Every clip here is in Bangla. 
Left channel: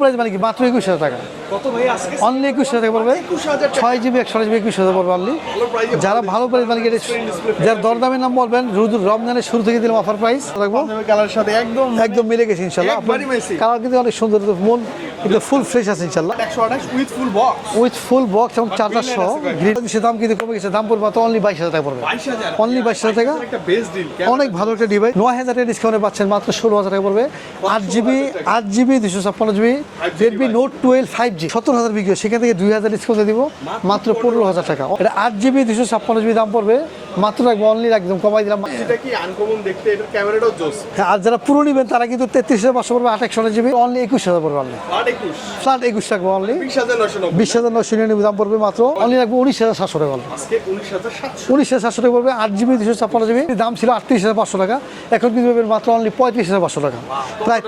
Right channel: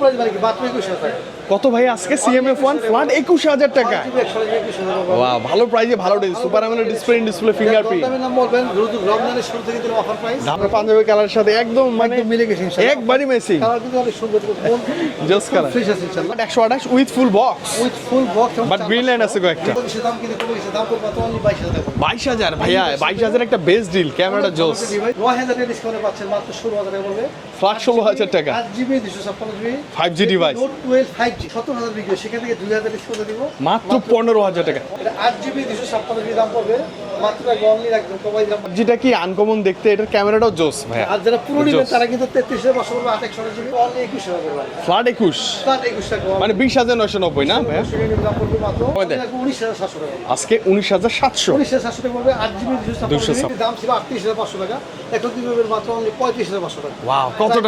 প্রাইস মানে কি? মাত্র একুশ হাজার কত ভাই? আজকে সিএমএফ 21,000 ওয়ান টাকা। একুশ টাকা। ছয় জিবি একশো জিবি একুশ হাজার বলব ভালো প্রাইজে যারা ভালো প্রাইস ডিসপ্লে ডিসপ্লে ফিঙ্গার দরদামের নাম বলবেন রোজ রমজানের শুরু থেকে দিলাম অফার প্রাইস পাঞ্জাবি কালার সাথে একদম মানে একদম মিলে গেছে ইনশাআল্লাহ। একবারই মেসি। কালার কিন্তু অনেক সুন্দর মন ফুল ফ্রেশ আছে ইনশাআল্লাহ। একশো আঠাশ with full box with full box এবং চার্জার আছে কয়েকটা। দাম কিন্তু কমে গেছে দাম পড়বে তো অনলি বাইশ হাজার টাকা পড়বে। বাইশ হাজার Only ভাইয়া 22,000 একটা বেস্ট ডিল ক্যামেরা ভালো একটা ডিভাইস নয় হাজার টাকা ডিসকাউন্টে পাচ্ছেন মাত্র ষোলো হাজার টাকা পড়বে। Flat আট 16,000 জিবি টাকা। আট জিবি দুশো ছাপ্পান্ন GB 5G device। Note twelve five G সত্তর হাজার বিক্রি সেখান থেকে দুই হাজার ডিসকাউন্টে দিব। মাত্র পনেরো হাজার টাকা। এটা আট জিবি দুশো ছাপ্পান্ন জিবি দাম পড়বে। মাত্র অনলি একদম কমাই দিলাম। যেটা কি আনকমন দেখতে এটার ক্যামেরাটাও জোস। আর যারা পুরো নেবেন তারা কিন্তু তেত্রিশ হাজার পাঁচশো পড়বে আট জিবি অনলি একুশ হাজার পড়বে ফ্লাট একুশ। ফ্লাট একুশ টাকা মানে বিশ হাজার নয়শো নব্বই বিশ হাজার না নিরানব্বই দাম পড়বে মাত্র। অনলি রাখব উনিশ হাজার সাতশো টাকা আজকে উনিশ হাজার সাতশো। উনিশ হাজার সাতশো টাকা পড়বে আট জিবি দুশো ছাপ্পান্ন জিবি দাম ছিল আটত্রিশ হাজার পাঁচশো টাকা। এখন কিন্তু মাত্র অনলি পঁয়ত্রিশ হাজার পাঁচশো টাকা। প্রায়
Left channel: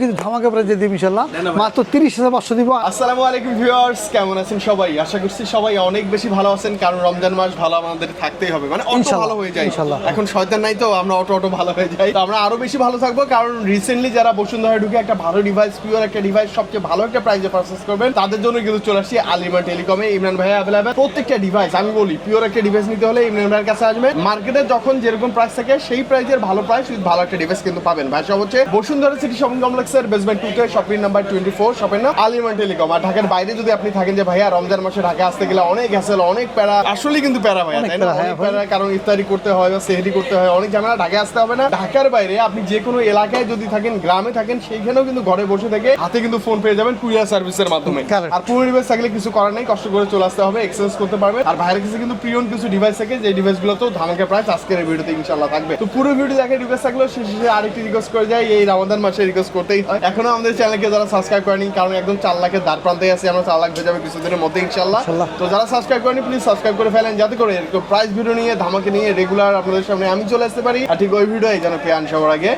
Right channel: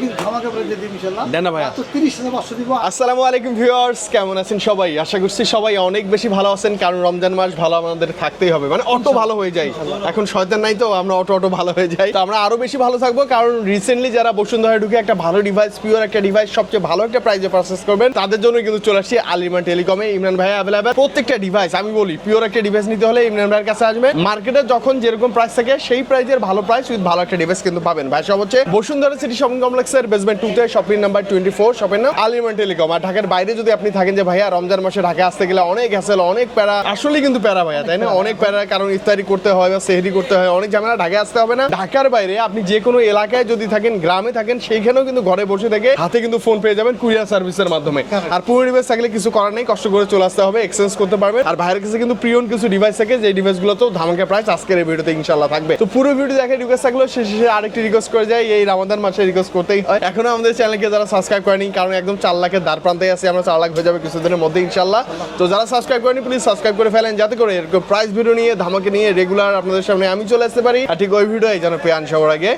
কিন্তু ধামাকা দিয়ে দিই ইনশাল্লাহ। ভাই। মাত্র তিরিশ হাজার পাঁচশো দিব। আসসালামু আলাইকুম ভিউয়ার্স কেমন আছেন সবাই? আশা করছি সবাই অনেক বেশি ভালো আছেন কারণ রমজান মাস ভালো আমাদের থাকতেই হবে। মানে অটো ভালো হয়ে যায়। এখন শয়তান নাই তো আমরা অটো অটো ভালো হয়ে যাই। তো আমরা আরও বেশি ভালো থাকব কারণ রিসেন্টলি যারা বসুন্ধরা ঢুকে একটা ভালো ডিভাইস পিওর একটা ডিভাইস সবচেয়ে ভালো একটা প্রাইজে পারচেস করবেন তাদের জন্য কিন্তু চলে আসছি আলিমা টেলিকমে ইমরান ভাই অ্যাভেলেবেল প্রত্যেকটা ডিভাইস আমি বলি পিওর একটা ডিভাইস নিতে হলে ইমরান ভাইয়ের কাছে আসবে। মার্কেটে যখন যেরকম প্রাইস থাকে সেই প্রাইজের ভালো প্রাইস উইথ ভালো একটা ডিভাইস কিন্তু পাবেন। ভাই সব হচ্ছে বসুন্ধরা সিটি শপিং কমপ্লেক্সের বেসমেন্ট টুতে shopping number twenty four shopping নাম আলিমা টেলিকম। আর ঢাকার বাইরে যদি আপনি থাকেন যে ভাইয়া রমজান মাসে ঢাকা আসতে গেলে অনেক হ্যাসেল অনেক প্যারা। আসলে কিন্তু প্যারা ভাইয়া তাই না? অনেক হ্যাঁ, প্যারা কারণ ইফতারি করতে হয় বা সেহরি করতে হয় অনেক ঝামেলা ঢাকায় আসতে হবে না। ঢাকার বাইরে আপনি যে কোনো এলাকায় যদি থাকেন গ্রামে থাকেন সেইখানেও কিন্তু ঘরে বসে থেকে হাতে কিন্তু ফোন পেয়ে যাবেন কুরিয়ার সার্ভিসের মাধ্যমে। আর পুরো ডিভাইস থাকলে কিছু করার নেই কষ্ট করে চলে আসতে হবে এক্সচেঞ্জ করতে পারবে আর ভাইয়ের কাছে কিন্তু প্রিয়ন কিছু ডিভাইস থাকে যে ডিভাইসগুলো তো ধামাকা প্রাইস আজকের ভিডিওতে ইনশাল্লাহ থাকবে। তো পুরো ভিডিও দেখে রিকোয়েস্ট থাকলে শেষে আরেকটি রিকোয়েস্ট করে যায় এই রমাদান মাসে রিকোয়েস্ট করতেই হয়। এখনও আমাদের চ্যানেলকে যারা সাবস্ক্রাইব করেনি কারণ একদম চার লাখের দ্বার প্রান্তে আছি আমরা চার লাখ হয়ে যাবে কিছুদিনের মধ্যে ইনশাল্লাহ তো যারা সাবস্ক্রাইব করেনি প্লিজ সাবস্ক্রাইব করে ফেলেন যাতে করে এরকম প্রাইস ভিডিও নিয়ে ধামাকে নিয়ে রেগুলার আপনাদের সামনে আমি চলে আসতে পারি। আর ঠিক ওই ভিডিও যেন পেয়ে সবার আগে।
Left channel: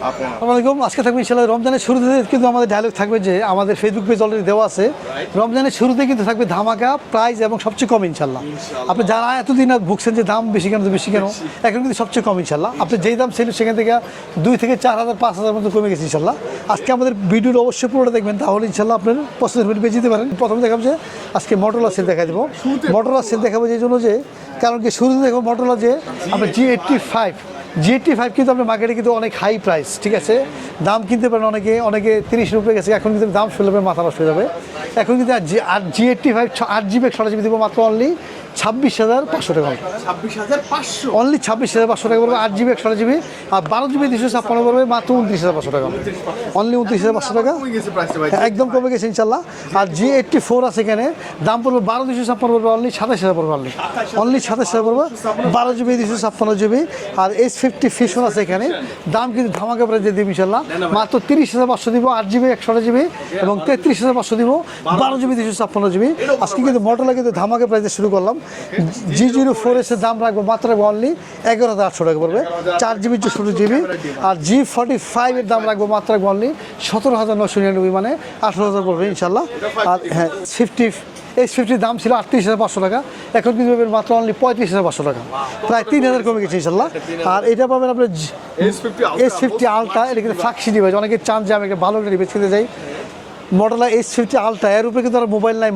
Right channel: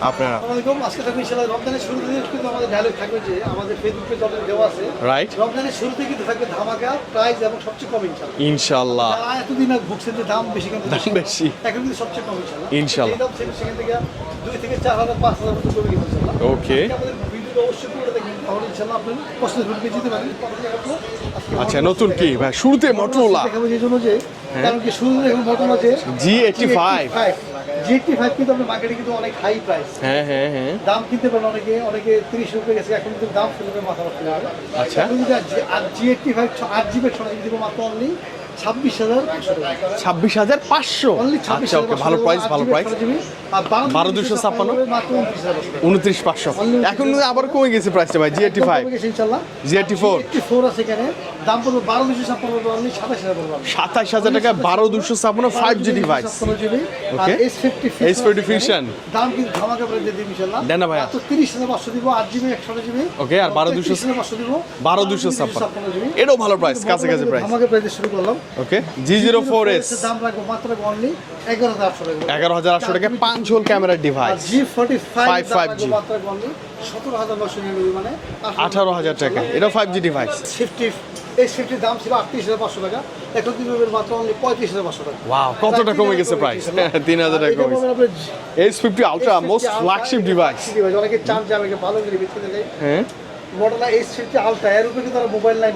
আপনারা। আজকে থাকবে ইনশাল্লাহ রমজানের শুরুতে কিন্তু আমাদের ডায়লগ থাকবে যে আমাদের ফেসবুক পেজ অলরেডি দেওয়া আছে। রমজানের শুরুতে কিন্তু থাকবে ধামাকা প্রাইস এবং সবচেয়ে কম ইনশাল্লাহ। আপনি যারা এতদিন আর ভুগছেন যে দাম বেশি কেন বেশি কেন এখন কিন্তু সবচেয়ে কম ইনশাল্লাহ আপনি। যেই দাম ছিল সেখান থেকে দুই থেকে চার হাজার পাঁচ হাজার মতো কমে গেছে ইনশাল্লাহ আজকে আমাদের ভিডিওর অবশ্যই পুরোটা দেখবেন তাহলে ইনশাল্লাহ আপনার ভিডিও পেয়ে যেতে পারেন প্রথমে দেখাবো যে আজকে আচ্ছা, মডেল নতুন কি? শুরুতে মডেল Motorola। দেখাবো এই জন্য যে কারণ কি শুরুতে দেখুন মডেল আছে G85 জিটি ফাইভ কিন্তু আপনার মার্কেটে কিন্তু অনেক হাই প্রাইস ঠিক হ্যাঁ, আছে? হ্যাঁ, দাম কিনতে পারেন অনেকে অনেকে তিরিশ রুপে গেছে এখন কিন্তু দাম ফেলবে মাথা নষ্ট হয়ে যাবে। আচ্ছা। এখন কিন্তু জি এইটটি ফাইভ আট জিবি একশো জিবি দেবো মাত্র অনলি ছাব্বিশ হাজার পাঁচশো টাকা। ছাব্বিশ হাজার পাঁচশো? অনলি ছাব্বিশ হাজার পাঁচশো টাকা আট জিবি একশো জিবি আর বারো জিবি দুশো ছাপ্পান্ন করবে মাত্র উনত্রিশ হাজার পাঁচশো টাকা। উনত্রিশ পাঁচশো। Only 29,500 এখন আবার টাকা। কমে গেছে প্রাইসটা ভাই একদম কমে গেছে ইনশাল্লাহ। আর G84 জি এইটটি ফোর আছে এখানে। দাম পড়বে বারো দুশো ছাপ্পান্ন করবে অনলি সাতাশ হাজার পড়বে অনলি 27,000 Only টাকা, 27,000 12,256 বারো 5G জিবি দুশো ছাপ্পান্ন জিবি আর এস ফিফটি ফিশন আছে এখানে। দাম কিন্তু ধামাকা প্রাইস দিয়ে দিবি ইনশাল্লাহ। মাত্র তিরিশ হাজার পাঁচশো দিব আট জিবি একশো জিবি এবং তেত্রিশ হাজার পাঁচশো দিব বারো জিবি দুশো ছাপ্পান্ন। জিবি ভালো ধামাকা প্রাইসে শুরু করলাম। Okay, G04 G04S এর দাম রাখব মাত্র অনলি এগারো হাজার আটশো টাকা পড়বে 11,800 চার টাকা, জিবি পাঁচ চৌষট্টি জন জিবি camera device। আর জি ফোর্টি ফাইভ দাম রাখব মাত্র অনলি সতেরো হাজার নশো নিরানব্বই মানে আঠারো হাজার 18,000 পড়বে ইনশাল্লাহ। এটা 5G device। ফিফটি এস ফিফটির দাম ছিল আটত্রিশ হাজার পাঁচশো টাকা। এখন কিন্তু পাবেন মাত্র অনলি পঁয়ত্রিশ হাজার পাঁচশো টাকা। হাজার হ্যাঁ, হাজার এটা পাবেন আপনার S fifty ultra flagship device অনেকে চান যে আমি একটা ভালো ডিভাইস কিনতে যাই হ্যাঁ। মডেল এস ফিফটি আলট্রা এর উপরে কিন্তু মোবাইল নাই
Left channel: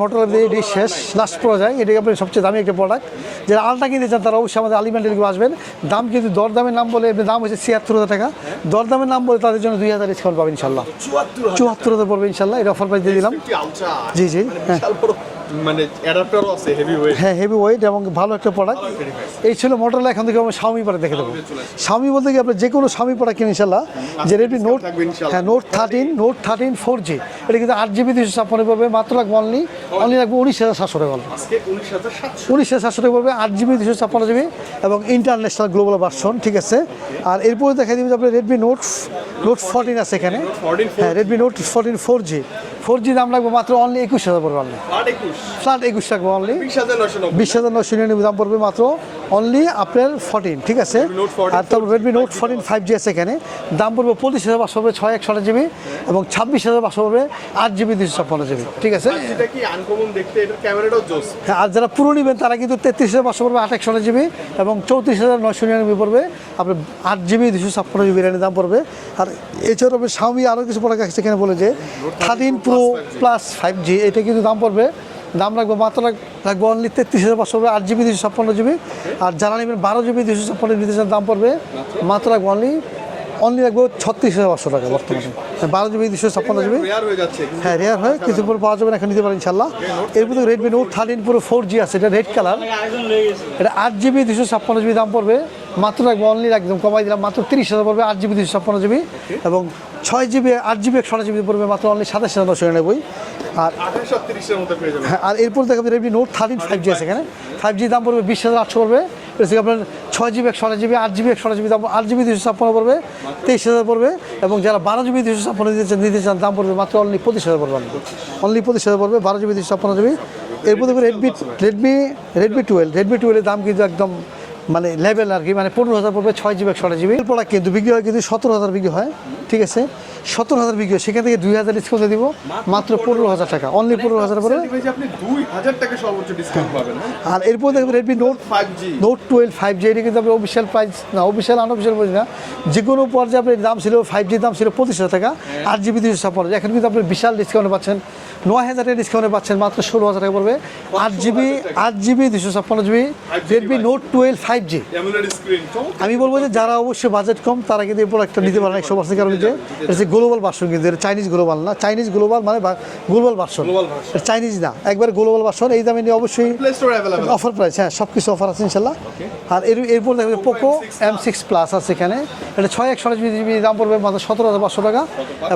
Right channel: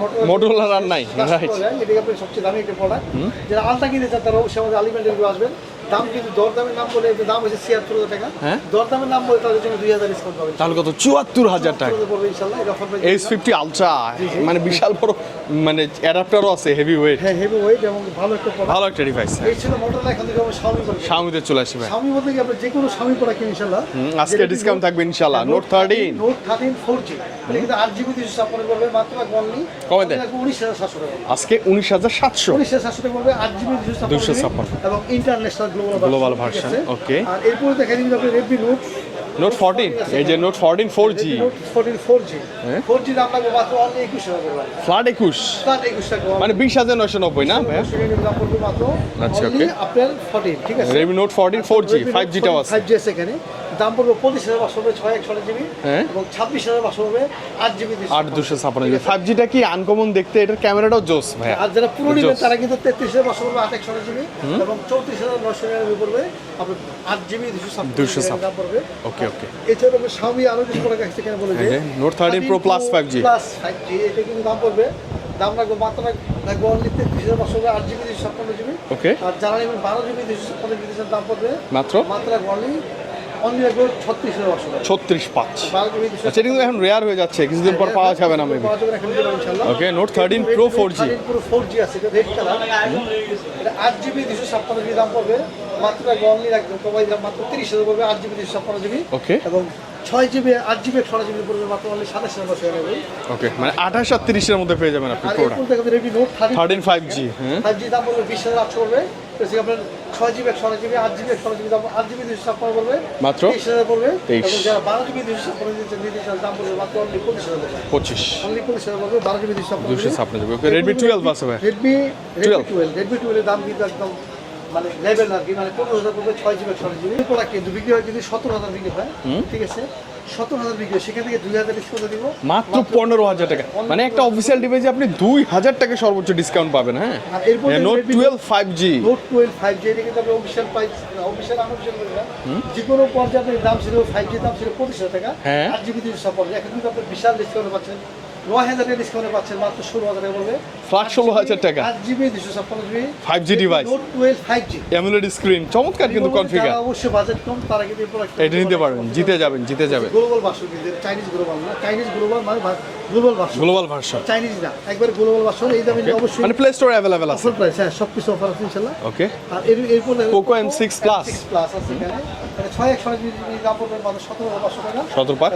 যায় এটা আপনার সবচেয়ে দামি একটা প্রোডাক্ট যারা আলট্রা কিনতে চান তারা অবশ্যই আমাদের আসবেন। দাম কিন্তু দরদামের নাম বলে দাম হচ্ছে ছিয়াত্তর হাজার টাকা। হ্যাঁ। দরদামের নাম বলে তাদের জন্য দুই হাজার ডিসকাউন্ট পাবেন চুয়াত্তর চুয়াত্তর হাজার পড়বে ইনশাল্লাহ এটা অফার প্রাইস দিয়ে দিলাম। ফিফটি আলট্রা জি, জি। মানে বিশাল বড় মানে অ্যাডাপ্টারও আছে হেভি ওয়েট হ্যাঁ হেভি ওয়েট এবং ভালো একটা প্রোডাক্ট ভালো একটা ডিভাইস এই ছিল এখন থেকে আমরা স্বামী পরে দেখে Xiaomi তে চলে আসবে। স্বামী বলতে কি আপনি যে কোনো স্বামী পরে কিনে ইনশাল্লাহ। আজকে Note- থাকবে ইনশাল্লাহ। Note 13 note thirteen four G এটা কিন্তু আট জিবি দুশো ছাপ্পান্ন পাবে মাত্র লাগবে অনলি অনলি? লাগবে উনিশ হাজার সাতশো টাকা আজকে উনিশ হাজার সাতশো উনিশ হাজার সাতশো টাকা পাবে আট জিবি দুশো ছাপ্পান্ন। এবং ইন্টারন্যাশনাল গ্লোবাল ভার্সন ঠিক আছে? আর এরপরে দেখা যাবে আপনার রেডমি নোট Note 14 আছে এই যে এখানে। Note 14 4G Redmi note fourteen four G four G দাম লাগবে মাত্র অনলি একুশ হাজার পড়বে ফ্ল্যাট একুশ। ফ্ল্যাট একুশ টাকা মানে বিশ হাজার নয়শো নব্বই বিশ হাজার পাঁচশো নিরানব্বই দাম পড়বে মাত্র অনলি আপনার ফোরটিন ঠিক আছে? Redmi Note 14 4G, 5G five G আছে। এখানে। দাম পড়বে পঁচিশ হাজার পাঁচশো হবে ছয় একশো জিবি হ্যাঁ। এবং ছাব্বিশ হাজার পাঁচশো হবে আট জিবি দুশো ছাপ্পান্ন ঠিক আছে? ফাইভ জিটা কি আনকমন দেখতে এটার ক্যামেরাটাও জোস আর যারা পুরো নেবেন তারা কিন্তু তেত্রিশ হাজার পাঁচশো পড়বে আঠাশ জিবি এবং চৌত্রিশ হাজার নয়শো নিরানব্বই পড়বে। আপনার আট জিবি দুশো ছাপ্পান্ন জিবি র্যামের দাম পড়বে। আর এছাড়াও আপনি Xiaomi আরও কিছু বলে যে এই যে, Note 13 Pro Plus 5G plus five G এটা কিন্তু দাম পড়বে। দাম রাখব মাত্র রাখব অনলি তেত্রিশ হাজার পাঁচশো আট জিবি দুশো ছাপ্পান্ন জিবি। আর যারা নেবেন বারো জিবি দুশো ছাপ্পান্ন জিবি দাম পড়বে মাত্র? মাত্র রাখব অনলি অনলি রাখব ছত্রিশ হাজার পাঁচশো টাকা। ছত্রিশ বারো জিবি দুশো রেয়ার হয়ে যাচ্ছে। কিছুদিন হ্যাঁ, পর পাওয়া যাবে কিছু পর। পাওয়া এখানে পারব ইনশাল্লাহ। Okay, Note এগুলো 13 Redmi Pro Note 4G 13 Pro 4G আছে, এটা রেড কালার এটা আট জিবি দুশো ছাপ্পান্ন জিবি দাম পড়বে। মাত্র অনলি একদম কমাই দিলাম মাত্র তিরিশ হাজার পড়বে আট জিবি দুশো ছাপ্পান্ন জিবি. এবং ছয় জিবি আট জিবি একশো জিবি পড়বে মাত্র অনলি সাতাশ হাজার নশো নিরানব্বই। মানে আঠাশ আর তিরিশের মধ্যে পেয়ে যাবেন। আর এরপর দেখবেন রেডমি নোট 13 থার্টিন 5G, হ্যাঁ। ফাইভ জি দাম পড়বে বিশ হাজার আটশো পড়বে। এটা আপনার ছয় জিবি একশো জিবি আট জিবি একশো জিবি দাম আট জিবি দুশো ছাপ্পান্ন পড়বে। মাত্র? তেইশ হাজার পড়বে। এবং যারা বারো জিবি দুশো ছাপ্পান্ন দিতে চান নিতে চান দাম পড়বে মাত্র অনলি পঁচিশ হাজার পড়বে পঁচিশ। অনলি পঁচিশ হাজার পড়বে বারো জিবি দুশো ছাপ্পান্ন জিবি 256 জিবি। Redmi 12 আছে ভাই। রেডমি রেডমি টুয়েলভ রেডমি টুয়েলভের দাম কিন্তু একদম মানে লেভেল আর কি মানে পনেরো হাজার পড়বে ছয় জিবি একশো জিবি প্রোডাক্ট কিন্তু বিক্রি হয় কিন্তু সতেরো হাজার বিক্রি হয় ঠিক আছে? সতেরো হাজার বিক্রি হয় সেখান থেকে দুই হাজার ডিসকাউন্ট দিব। মাত্র পনেরো হাজার টাকা। মানে একটা অফিসিয়াল ডিভাইসে আপনি দুই হাজার টাকা সর্বোচ্চ ডিসকাউন্ট পাবেন হ্যাঁ? আর এরপর note five G note twelve five G এটা কিন্তু আমরা অফিসিয়াল প্রাইস না অফিসিয়াল আনঅফিসিয়াল বলি না। যে কোনো পর্যায়ে আপনার দাম ছিল ফাইভ জির দাম ছিল পঁচিশ হাজার টাকা। হ্যাঁ। আট জিবি দুশো ছাপ্পান্ন। এখন কিন্তু আপনি বিশাল ডিসকাউন্ট পাচ্ছেন। নয় ডিসকাউন্টে পাচ্ছেন মাত্র ষোলো হাজার টাকা পড়বে। আট জিবি আট জিবি দুশো ছাপ্পান্ন GB 5G device। Note twelve five G AMOLED screen চমৎকার আমি বলব যারা অবশ্যই বাজেট কম তারা কিন্তু এই প্রোডাক্টটা এটা নিতে একশো পার্সেন্ট। গ্লোবাল ভার্সন কিন্তু চাইনিজ গ্লোবাল না চাইনিজ গ্লোবাল মানে গ্লোবাল ভার্সন version। চাইনিজ না একবার গ্লোবাল ভার্সন এই দামে নিয়ে অবশ্যই মানে প্লে স্টোর অফার প্রাইস হ্যাঁ সব কিছু অফার আছে ইনশাল্লাহ। ওকে আর এর এরপর Poco M6 M six plus আছে এখানে। এটা ছয় একশো জিবি দাম পড়বে মাত্র সতেরো হাজার পাঁচশো টাকা।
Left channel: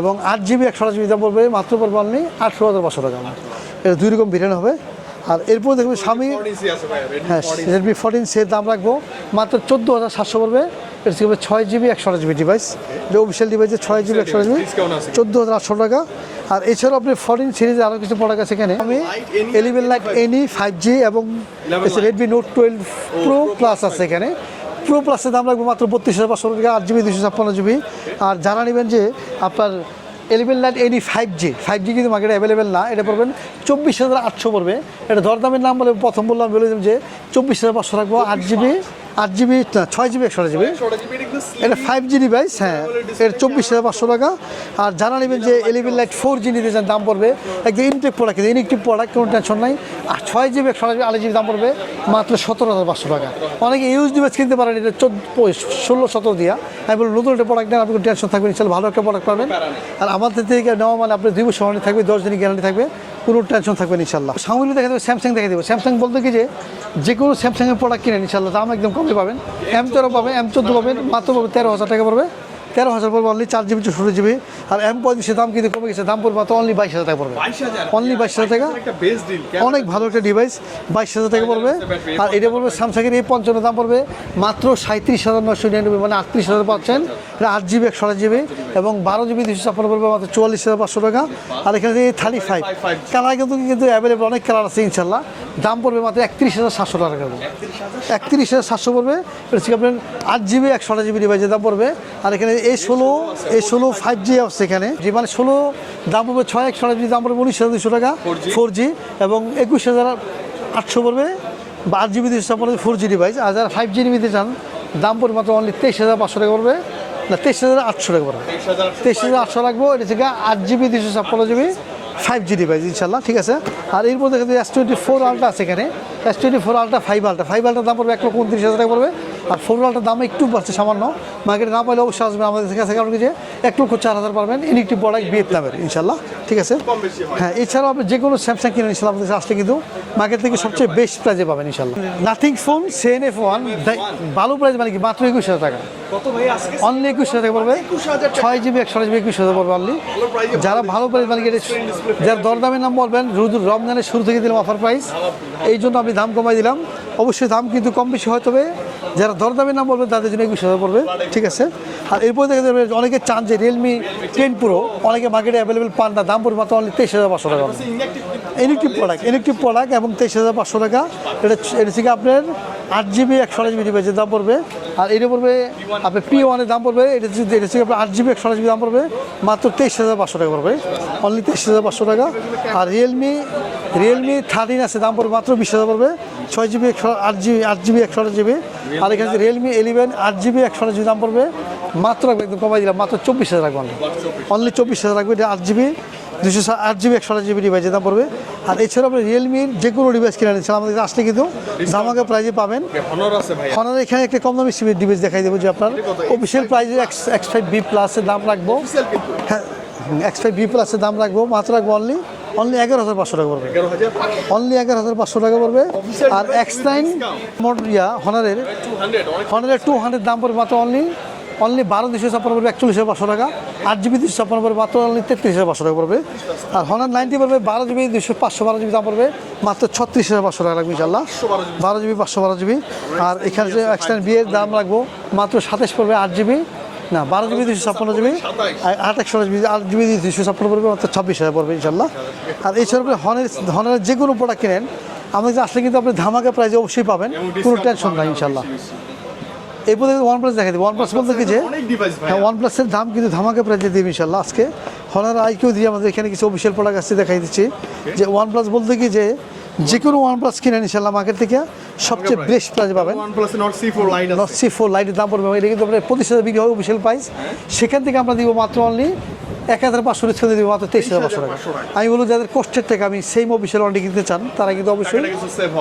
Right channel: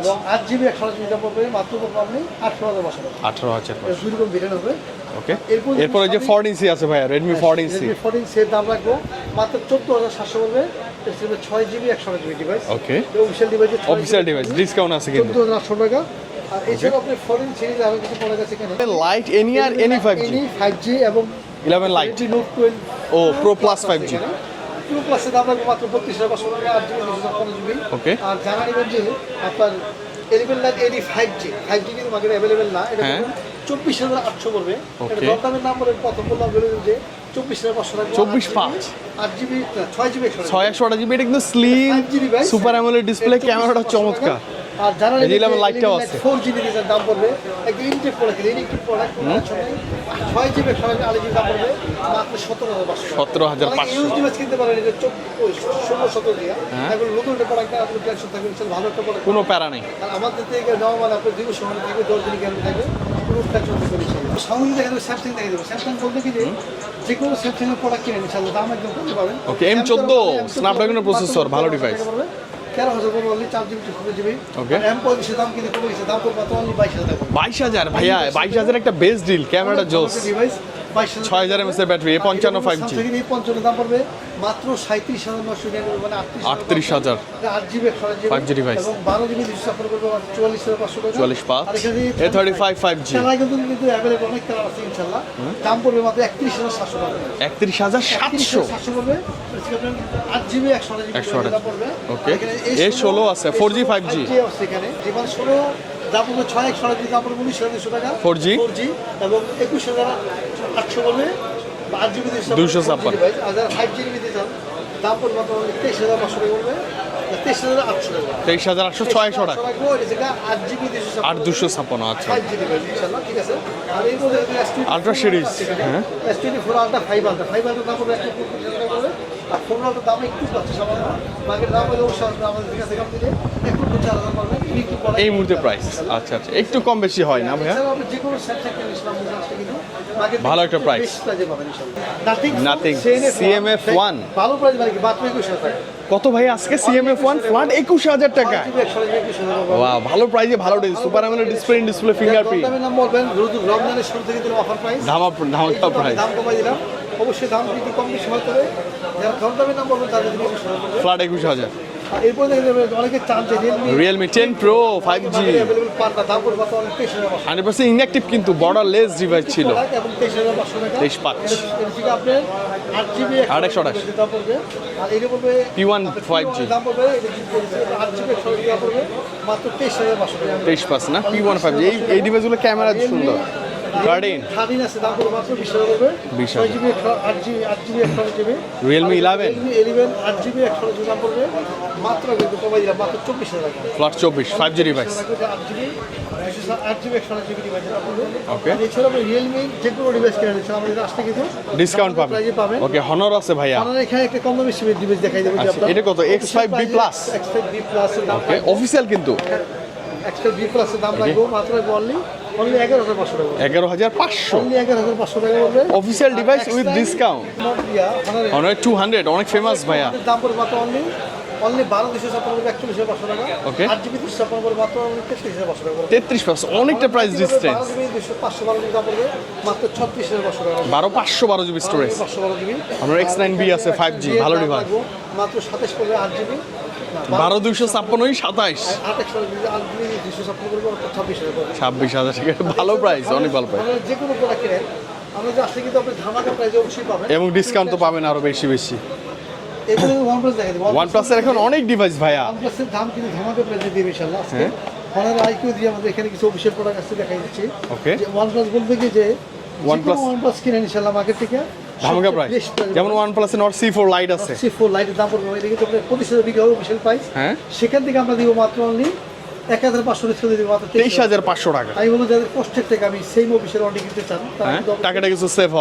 এবং আট জিবি একশো জিবি দাম পড়বে মাত্র পড়বে আপনি আঠারো হাজার পাঁচশো টাকা আঠারো হাজার এটা দুই রকম হবে। আর এরপর আছে ভাই রেডমি ফোরটিন রেডমি ফোরটিন সের দাম রাখব। মাত্র চোদ্দ হাজার সাতশো পড়বে এটা ছিল ছয় জিবি একশো জিবি ডিভাইস. এটা অফিসিয়াল ডিভাইসে ছয় জিবি একশো। চোদ্দ হাজার আটশো টাকা। আর এছাড়াও আপনি ফোরটিন সিরিজ আরও কিছু প্রোডাক্ট আছে এখানে। Lite, Any আর Any 5G? Any five G এবং 11 Redmi note twelve pro plus আছে 5G এখানে। প্রো প্লাসের দাম রাখব মাত্র বত্রিশ হাজার পাঁচশো টাকা আট জিবি দুশো ছাপ্পান্ন জিবি আর জানা নেবেন যে আপনার eleven line AD five G five G কিন্তু মার্কেটে অ্যাভেলেবেল না এটা হ্যাঁ। চব্বিশ হাজার আটশো পড়বে। এটা দরদামের নাম বলে প্রথম বললাম বলেছেন যে চব্বিশ হাজার পাঁচশো রাখব আট জিবি আট জিবি ছয় জিবি একশো একশো জিবি এটা কিন্তু five G device super AMOLED display চব্বিশ হাজার পাঁচশো টাকা। আর যারা লাইট ফোর জি নিতে দাম পড়বে একটা ইনটেক প্রোডাক্ট প্রোডাক্ট কোনো টেনশন নাই। আর ছয় জিবি একশো জিবি আট জিবি দাম পড়বে মাত্র সতেরো হাজার পাঁচশো টাকা। 17,500 অনেকে ইউজ ডিভাইস কিনতে পারেন এটা ষোলো সতেরো দিয়া। এবার নতুন একটা প্রোডাক্ট নেন আপনি টেনশন থাকবে ইনশাল্লাহ ভালো একটা প্রোডাক্ট পাবেন। আর আমাদের থেকে নেওয়া মানে আপনার দুই বছর থাকবে দশ দিনের গ্যারান্টি থাকবে। কোনো টেনশন থাকবে না ইনশাল্লাহ সামনে দেখা দেবো স্যামসাং দেখে দেবো স্যামসাং বলতে কি যে যে কোনো স্যামসাং এর প্রোডাক্ট কিনে ইনশাল্লাহ দাম একদম কমে পাবেন। Okay, M তেরো M14 পাবেন, M চোদ্দ পাবেন, Snapdragon মাত্র processor, তেরো হাজার টাকা পড়বে। তেরো হাজার পড়বে অনলি চার জিবি ষোলো জিবি আর এম পঁয়ত্রিশের দাম কিন্তু কমে গেছে দাম পড়বে মাত্র অনলি বাইশ হাজার পড়বে। বাইশ হাজার Only ভাইয়া 22,000 বাইশ হাজার একটা বেস্ট ডিল অনেক ভালো একটা ডিভাইস বাইশ হাজার টাকা পড়বে। ব্যাটারি, আর এটা 55 5G স্যামসাং এর এই পঞ্চান্ন দাম পড়বে মাত্র সাঁত্রিশ হাজার নশো নিরানব্বই মানে আটত্রিশ হাজার পাচ্ছেন 38,000 আট জিবি একশো জিবি 5G এবং বারো জিবি দুশো ছাপ্পান্ন পড়বে মাত্র চুয়াল্লিশ হাজার পাঁচশো টাকা। আর এখানে থার্টি ফাইভ কালার কিন্তু কিন্তু অ্যাভেলেবল অনেক কালার আছে ইনশাল্লাহ দাম পড়বে মাত্র একত্রিশ হাজার সাতশো টাকা একত্রিশ হাজার একত্রিশ হাজার সাতশো পড়বে। আপনার আট জিবি একশো জিবি ডিভাইসের দাম পড়বে। আর এখানে এ ষোলো আছে, এ 4G, ষোলো 5G ফাইভ জি আছে এখানে। যে মানে ষোলো দাম পড়বে ছয় একশো দাম উনিশ হাজার দুশো টাকা। 4G ফোর জি এবং একুশ হাজার আটশো পড়বে বা আট জিবি দুশো ফোর জি ডিভাইস আর যারা ফাইভ জি নিতে চান দাম পড়বে মাত্র অনলি তেইশ হাজার পাঁচশো টাকা পড়বে। না তেইশ হাজার আটশো টাকা তেইশ হাজার আটশো লাগবে এটা থেকে আট জিবি দুশো ছাপ্পান্ন জিবি। 256। ফাইভ জি ডিভাইস ইনশাল্লাহ ঠিক আছে। আর এর মধ্যে এস টোয়েন্টি ফোর series, আছে এখানে। S twenty four ultra five ultra five ultra দাম পড়বে এক লক্ষ উনত্রিশ হাজার টাকা পড়বে। আর ফোর আলট্রার দাম একটু পাচ্ছে সামান্য। মার্কেট দাম পাইলে অবশ্যই আসবে আমাদের কাছে আপনি যে এক লক্ষ চার হাজার পাবেন। বড় এই মুহূর্তে price। ইনশাল্লাহ আচ্ছা। ঠিক আছে? কম বেশি হয় হ্যাঁ এছাড়াও আপনি যে কোনো স্যামসাং ইনশাল্লাহ আসলে কিন্তু মার্কেট থেকে সবচেয়ে। বেস্ট প্রাইজে পাবেন ইনশাল্লাহ নাথিং ফোন সিএনএফ ওয়ান ভালো প্রাইস মানে কি? মাত্র একুশ হাজার টাকা। কত ভাই আজকে সিএমএফ 21 হাজার ওয়ান একুশ হাজার টাকা। ছয় জিবি একশো জিবি একুশ হাজার ভালো প্রাইজে যারা ভালো প্রাইস মানে ডিসপ্লে ডিসপ্লে দরদামের নাম বলবেন রমজানের শুরু থেকে দিলাম অফার প্রাইস এই জন্য আমি দাম কমাই দিলাম। অবশ্যই দাম কিন্তু কম বেশি হয় তবে যারা দরদামের নাম বলবেন তাদের জন্য হাজার পড়বে। ঠিক আছে? আর এরপর দেখে যাবেন অনেকে চান যে রিয়েলমি Realme 10 Pro, অনেকে 5G মার্কেটে অ্যাভেলেবল পান না দাম পড়বে মাত্র অনলি তেইশ হাজার পাঁচশো টাকা। ইনঅ্যাক্টিভ কিন্তু বর্ডারলেস ছিল। প্রোডাক্ট এবং তেইশ হাজার পাঁচশো টাকা। 23,500 এটা এটা থেকে আপনার আট জিবি একশো টাকা। ডিভাইসের দাম পড়বে। আর এটা পড়বে P1 আপনার পি 5G ওয়ানের দাম পড়বে এটা থেকে আপনার আট জিবি একশো জিবি দাম পড়বে। মাত্র তেইশ হাজার পাঁচশো টাকা পড়বে। 23 plus না? Only P1 তেইশ হাজার পাঁচশো এই টাকা। ডিভাইসগুলো ক্যামেরা রিয়েলমি। রিয়েলমি থার্টিন আছে দাম পড়বে মাত্র বিশ হাজার পড়বে। ছয় জিবি একশো আট জিবি আট জিবি একশো জিবি রিয়েলমি ইলেভেন আট জিবি একশো জিবি দাম পড়বে। মাত্র একদম কমাই দিলাম মাত্র চব্বিশ হাজার রাখব প্লাস চব্বিশ ফাইভ হাজার রাখবে আট জিবি দুশো আট জিবি একশো জিবি ডিভাইসের দাম পড়বে। আর এছাড়া আপনি রিয়েলমির যে কোনো ডিভাইস কিনে নিচ্ছেন আমাদের আসলে কিন্তু ধামাকা প্রাইজে পাবেন। ওকে হনর আছে ভাইয়া। আমাদের এখানে একটা কম দামি সিমের ডিভাইস দেখাই দেবো যে আচ্ছা, আপনার। এটা কত? X5B price plus? X five B প্লাসের দাম রাখব অফিসিয়াল কিন্তু? এক্স ফাইভ বি প্লাসের দাম রাখব মাত্র রাখব অনলি অনলি এগারো হাজার পাঁচশো টাকা পড়বে। এগারো হাজার অনলি এগারো হাজার পাঁচশো টাকা পড়বে। Device X9 with discount. Yeah হনারে অনেক টু হান্ড্রেড অনেক ফেমাস ফেমাস ভাইয়া। দাম পড়বে মাত্র অনলি অনলি বারো দুশো ছাপ্পান্ন পড়বে একচল্লিশ হাজার পাঁচশো টাকা। আট জিবি দুশো ছাপ্পান্ন পড়বে মাত্র অনলি তেত্রিশ হাজার পাঁচশো টাকা পড়বে। তেত্রিশ পাঁচশো অনেকটা প্রাইস ডিফারেন্স বারো জিবি দুশো পাঁচশো বারো জিবি দাম পড়বে মাত্র ছত্রিশ হাজার পাঁচশো টাকা লাগবে পাঁচশো বারো জিবি বারো জিবি পাঁচশো বারো জিবি। আর X9B এখানে আছে, X9B 5G, এর ভালো দাম। রাখব মাত্র সাতাশ পড়বে আট জিবি। না বারো বারো জিবি দুশো দুশো ছাপ্পান্ন ছাপ্পান্ন, সাতাইশ। আট একশো জিবি আট ছাপ্পান্ন পড়বে মাত্র ছাব্বিশ হাজার পড়বে ইনশাল্লাহ 26,000 ঠিক আছে, আর ভালো এছাড়া price, অনেক ভালো ধরনের যে কোনো প্রোডাক্ট কিনেন আমাদের আসলে কিন্তু আপনি ধামাকা প্রাইজে অবশ্যই পাবেন এবং ডিসকাউন্ট পাবেন বেশি বেশি। ওয়ানপ্লাস দেখা দিই ওয়ান ওয়ানপ্লাস অনেক ডিভাইস ভাইয়া ওয়ান প্লাসের দাম কিন্তু ধামাকা প্রাইজে দিবে ইনশাল্লাহ আজকে। হনার আইকিউ দিয়ে আমাদের এখানে কিছু অফিসিয়াল প্রোডাক্ট আসছে দেখাই দিচ্ছি। যে ওয়ান প্লাস বলতে কি যে যে কোনো OnePlus- ওয়ান কিনেন ইনশাল্লাহ মার্কেট থেকে। সবচেয়ে price। বেস্ট প্রাইস যেমন ওয়ান প্লাস নট লাইট আছে। সি ফোর লাইটের দাম পড়বে এটা কিন্তু আপনার পঁচিশ হাজার বিক্রি হবে অফিসিয়াল প্রাইস হ্যাঁ। সেখান থেকে আপনার দিব মাত্র অনলি এক হাজার পাঁচশো ছেড়ে দিব মাত্র তেইশ হাজার 23,500 টাকা। আমি বলব যাদের কষ্টের টাকা আমি সেম অফিসিয়াল ওয়ারেন্টি কিনতে চান তারা কিন্তু অবশ্যই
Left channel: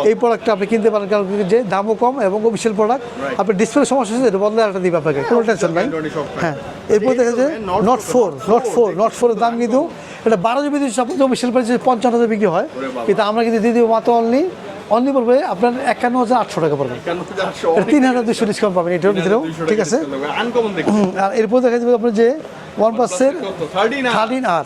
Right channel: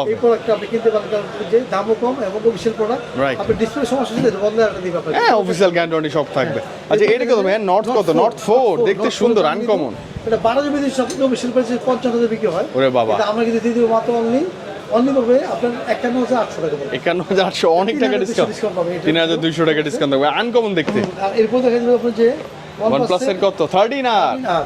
এই প্রোডাক্টটা আপনি কিনতে পারেন। কারণ যে দামও কম এবং অফিসিয়াল প্রোডাক্ট আপনি ডিসপ্লে সমস্যা হচ্ছে এটা বদলে একটা দিবে আপনাকে। কোনো অফিসিয়াল tension নাই। গ্যারান্টি সব থাকবে। এরপর এটা দেখা কত যায় ভাইয়া নট Note কত? 4, নট ফোর Note 4, দেখতে সুন্দর দাম কিন্তু আনকমন এটা বারো জিবি দুশো ছাপ্পান্ন অফিসিয়াল প্রাইসে পঞ্চান্ন হাজার বিক্রি হয়। কিন্তু আমরা কিন্তু দিয়ে দেবো মাত্র অনলি অনলি পড়বে আপনার একান্ন হাজার আটশো টাকা পড়বে। একান্ন হাজার আটশো তিন হাজার দুশো ডিসকাউন্ট পাবেন এটা ভিতরেও, টাকা ডিসকাউন্ট পাবেন। আনকমন দেখতে। আর এরপর দেখা যাবে আপনার যে ওয়ানপ্লাসের ওয়ান প্লাসের কত? থার্টি না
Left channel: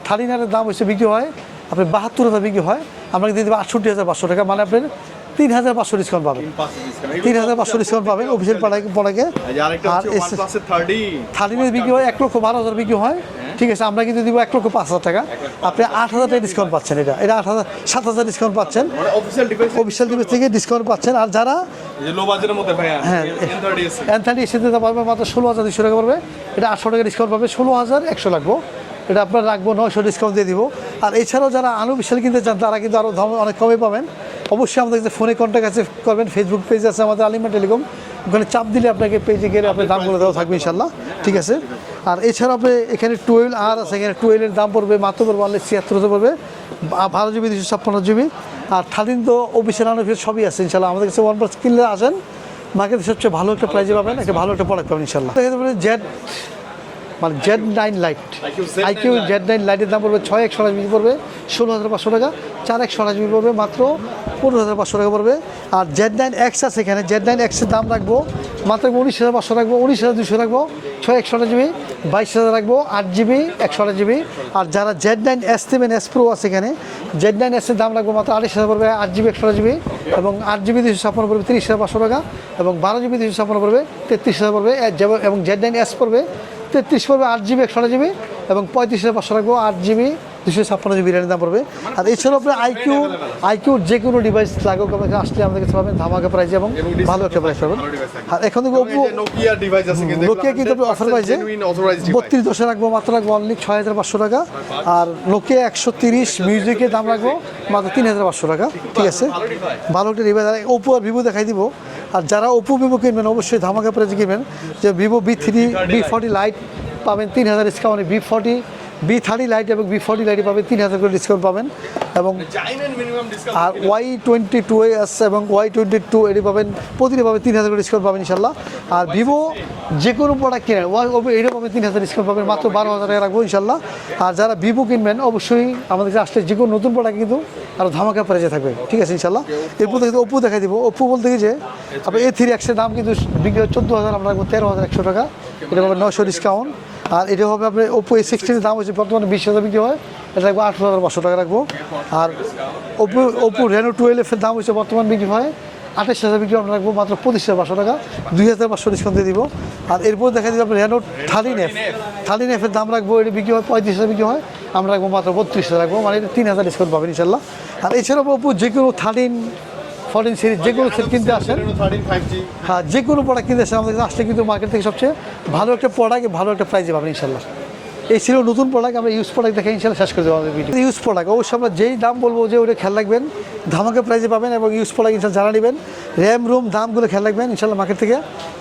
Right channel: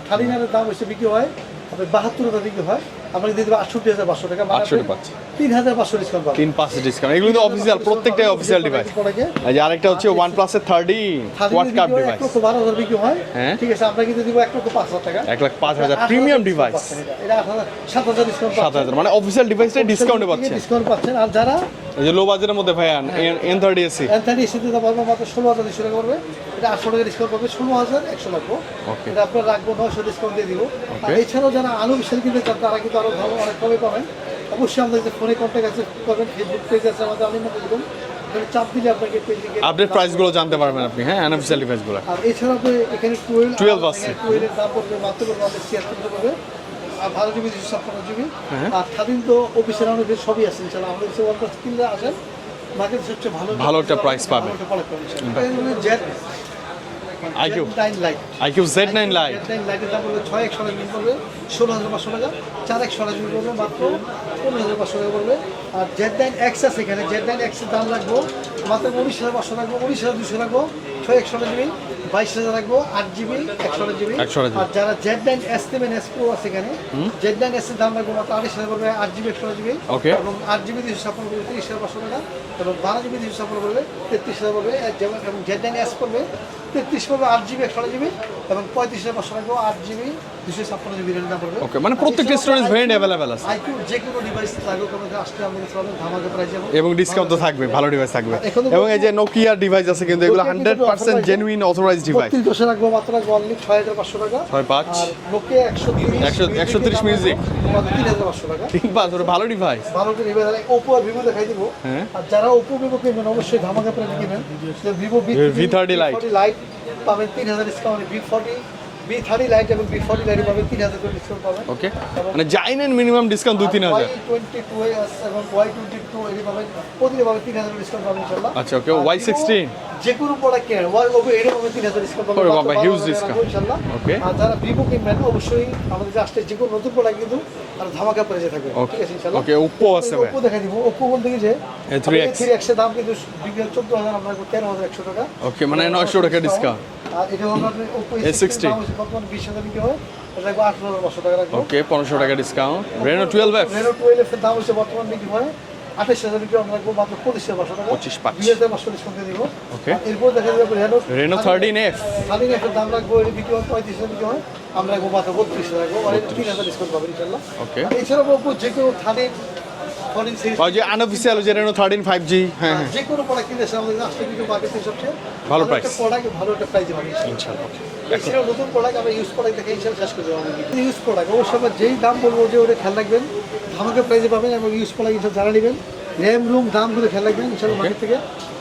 থার্টিন দাম হচ্ছে বিক্রি হয় আপনি বাহাত্তর হাজার বিক্রি হয় আমরা দিয়ে দেবো আটষট্টি হাজার পাঁচশো টাকা মানে আপনি 68 পাচ্ছেন। তিন হাজার পাঁচশো ডিসকাউন্ট পাবেন তিন পাঁচশো ডিসকাউন্ট এগুলো অফিসিয়াল প্রত্যেকটা অফিসিয়াল অফিসিয়াল প্রোডাক্টে আর আরেকটা হচ্ছে ওয়ান প্লাসের থার্টি থার্টিনের বিক্রি হয় এক লক্ষ বারো হাজার বিক্রি হয়। হ্যাঁ। ঠিক আছে আমরা কিন্তু দিব এক লক্ষ পাঁচ হাজার টাকা। এক লাখ পাঁচ হাজার আট ডিসকাউন্ট পাচ্ছেন এটা। এটা আট হাজার সাত হাজার ডিসকাউন্ট পাচ্ছেন। মানে অফিসিয়াল ডিভাইসে ডিসকাউন্ট থেকে ডিসকাউন্ট পাচ্ছেন। আর যারা এই যে লো বাজেটের মধ্যে ভাইয়া এন থার্টি এসি এন থার্টি এসে দিতে পারবে মাত্র ষোলো হাজার দুশো টাকা পারবে এটা আটশো টাকা ডিসকাউন্ট পাবে ষোলো হাজার একশো লাগবো। এটা আপনার রাখব নয়শো ডিসকাউন্ট দিয়ে দিব। আর এছাড়াও যারা আরও বিশাল কিনতে চান তারা কিন্তু আরও অনেক কমে পাবেন। অবশ্যই আমাদের কাছে ফোনে কন্ট্যাক্ট আছে করবেন। ফেসবুক পেজ আছে আমাদের আলিমা টেলিকম। ওখানে চাপ দিলে আপনাকে পেজে গেলে দাম price জানতে পারবেন আপনি, হ্যাঁ, ঠিক আছে। আর এছাড়া আপনি এখানে টুয়েলভ 12 আছে। এখানে টুয়েলভের দাম পড়বে মাত্র পড়বে অনলি ছিয়াত্তর পড়বে। বারো জিবি দুশো ছাপ্পান্ন জিবি হ্যাঁ। আর থার্টিন তো অফিসিয়াল অনেক সবই আছে ইনশাল্লাহ আমাদের কাছে ওয়ান প্লাস কিনলে আসেন মার্কেটে সবচেয়ে ভালো একটা ভালো প্রাইস ভালো একটা প্রোডাক্ট পাবেন ইনশাল্লাহ জেড মানে Z nine lite IQ Z9 Lite। Z nine লাইটের দাম পড়বে ছয় একশো জিবি পড়বে ষোলো হাজার পাঁচশো টাকা চার একশো জিবি পড়বে মাত্র পনেরো হাজার পাঁচশো টাকা পড়বে। আর জেড নাইন এক্স আছে এখানে জেড নাইন এক্সের দাম রাখব মাত্র উনিশ হাজার পাঁচশো রাখব উনিশ হাজার দুশো রাখব ছয় একশো জিবি বাইশ হাজার রাখব আট জিবি একশো জিবি। আর যারা Z nine S seven S pro আছে এখানে জেড নাইন এস এর দাম রাখব মাত্র আড়াইশ হাজার পড়বে আট জিবি একশো জিবি। এবং আট জিবি দুশো ছাপ্পান্ন পড়বে তিরিশ হাজার পাঁচশো টাকা। এবং বারো জিবি দুশো ছাপ্পান্ন পড়বে তেত্রিশ হাজার পড়বে এবং জেড নাইন এস পড়বে তেত্রিশ পড়বে আট জিবি একশো জিবি? এবং পঁয়ত্রিশ হাজার পাঁচশো রাখব আট জিবি দুশো ছাপ্পান্ন জিবি রেটের দাম পড়বে। মানে। আইকিউর যে কোনো ডিভাইস লাগুক আমাকে আসলে আমাদের কাছে পাবেন ধামাকা প্রাইস এবং এবং ডিসকাউন্ট তো থাকবে ভালো ডিভাইস থাকবে। এখন এবং এই যে নোকিয়া ডিভাইস আছে কিন্তু এগুলো নোকিয়া কিন্তু offer 100% জেনুইন অথরাইজড ডিভাইস বত্রিশ দশে রাখব মাত্র রাখব অনলি ছয় হাজার পাঁচশো টাকা। আর নোকিয়া একশো তিরিশ 130 মিউজিকের দাম রাখব মাত্র তিন হাজার পাঁচশো টাকা। ঠিক আছে? ভালো ডিভাইস আর ওপো আর ভিভো দেখাই দিব। হ্যাঁ। আর যারা ওপো ভিভো কিনবেন অবশ্যই ধামাকা প্রাইজে কিনবেন। যে Vivo V three V forty lite পাবেন তিন হাজার discount V forty V thirty lite এবং বি ফোর্টি লাইটে পাবেন তিন হাজার করে ডিসকাউন্ট পাবেন। ওকে এবং জাইনেন মিনিমাম ডিসকাউন্ট তিন ওয়াই টোয়েন্টি টু এ আছে এবং ওয়াই টোয়েন্টি টু এটি পাবেন প্রতিটি পাবেন তিন হাজার করে ডিসকাউন্ট পাবেন ইনশাল্লাহ আর Y16 ভিভো যে কোনো প্রোডাক্ট কিনেন ওয়াই ওপো এটা পাবেন তিন হাজার ডিসকাউন্ট পাবেন মাত্র বারো হাজার রাখব ইনশাল্লাহ আর যারা ভিভো কিনবেন অবশ্যই আমাদের কাছে আসলে যে কোনো নতুন প্রোডাক্ট কিন্তু আরও ধামাকা প্রাইজে থাকবে। ঠিক আছে ইনশাল্লাহ। ওপো দেখা দিব। ওপো বলতে A3X এ থ্রি এক্সের দাম কিন্তু বিক্রি চোদ্দ হাজার আমরা তেরো হাজার একশো টাকা। মানে এটা 900 টাকা discount। discount। আর এটা হবে আপনার ওপো এ সিক্সটির দাম হচ্ছে বর্তমানে বিশ হাজার বিক্রি হয়। এটা লাগবে আট হাজার পাঁচশো টাকা রাখব। ওকে পনেরোশো টাকা ডিসকাউন্ট ওপো রেনো টুয়েলভ এর দাম হচ্ছে বর্তমান বিক্রি হয় আঠাশ হাজার বিক্রি আমরা রাখব মাত্র পঁচিশ হাজার পাঁচশো টাকা। 25,500 দুই হাজার পাঁচশো ডিসকাউন্ট দিয়ে দিব। আর এরপর দেখা যাবে আপনার রেনো Renault 13F থার্টিন এফের দাম রাখব এটা বিক্রি হয় পঁয়ত্রিশ হাজার বিক্রি হয় আমরা রাখব মাত্র বত্রিশ হাজার রাখব মানে তিন হাজার ডিসকাউন্ট পাবেন ইনশাল্লাহ আর এছাড়াও যে কোনো থার্টিন সিরিজ যে কোনো কিনতে আনঅফিসিয়াল আসেন। যেটা 13 5G হ্যাঁ হ্যাঁ, যে কোনো প্রোডাক্ট কিনতে আসেন আমাদের কাছে আসলে কিন্তু মার্কেট থেকে সবচেয়ে ভালো একটা। প্রোডাক্ট ভালো একটা প্রাইসে পাবেন ইনশাল্লাহ এই ছিল নতুন প্রোডাক্ট আমরা ইউজ প্রোডাক্ট দেখে ইনশাল্লাহ শেষ করে দেবো আমাদের ভিডিও ইউজ প্রোডাক্ট অবশ্যই আমরা যেই দাম বলব যে ওটা খেয়াল রাখবেন ধামাকা প্রাইসে পাবেন এবং ইউজ প্রোডাক্ট ইনশাল্লাহ জানা নেবেন র্যাম রুম দামগুলো খেয়াল রাখবেন ইনশাল্লাহ মার্কেট থেকে।